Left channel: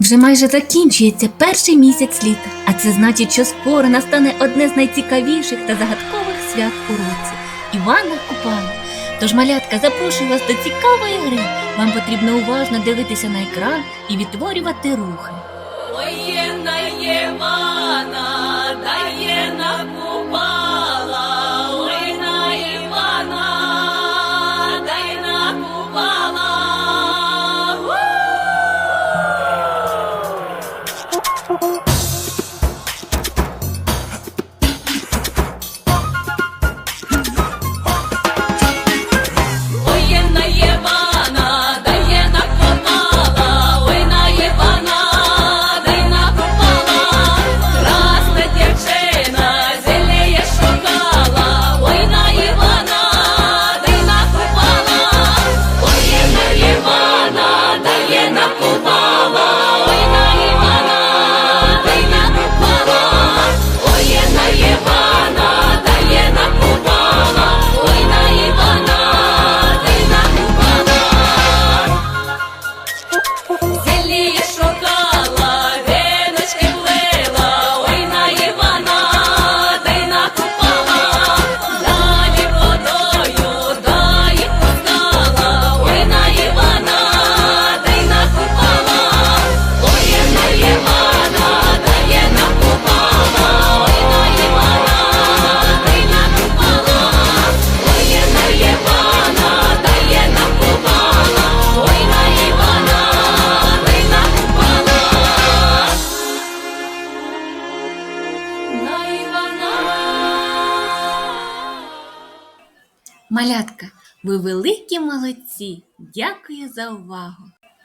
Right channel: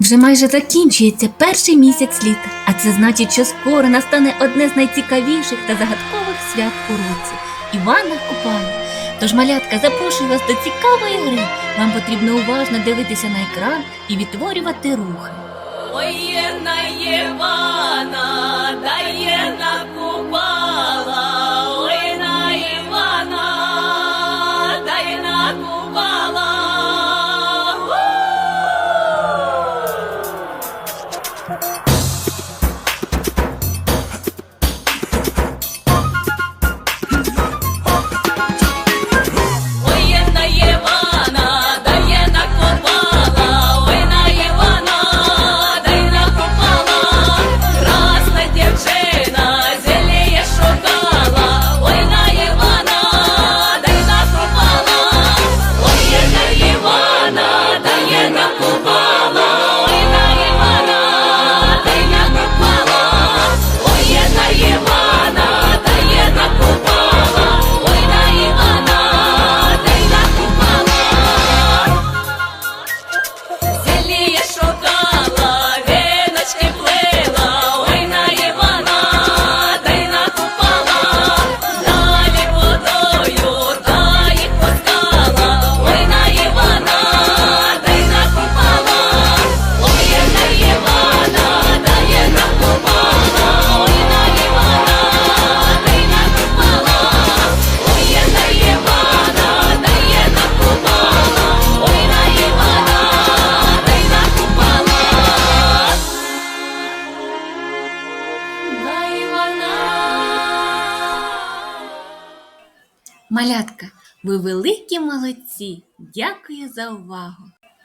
Вже майже закінчується перший місяць літа, а це значить, що скоро настане одне з найцікавіших та загадкових свят у році Івана Купала. Тож, малятка, запрошую вас до цікавої гри. Вам потрібно уважно дивитися на екран і відтворювати рухи. Воєнна Євана! Малятка, ви великі молодці! Дякую за увагу!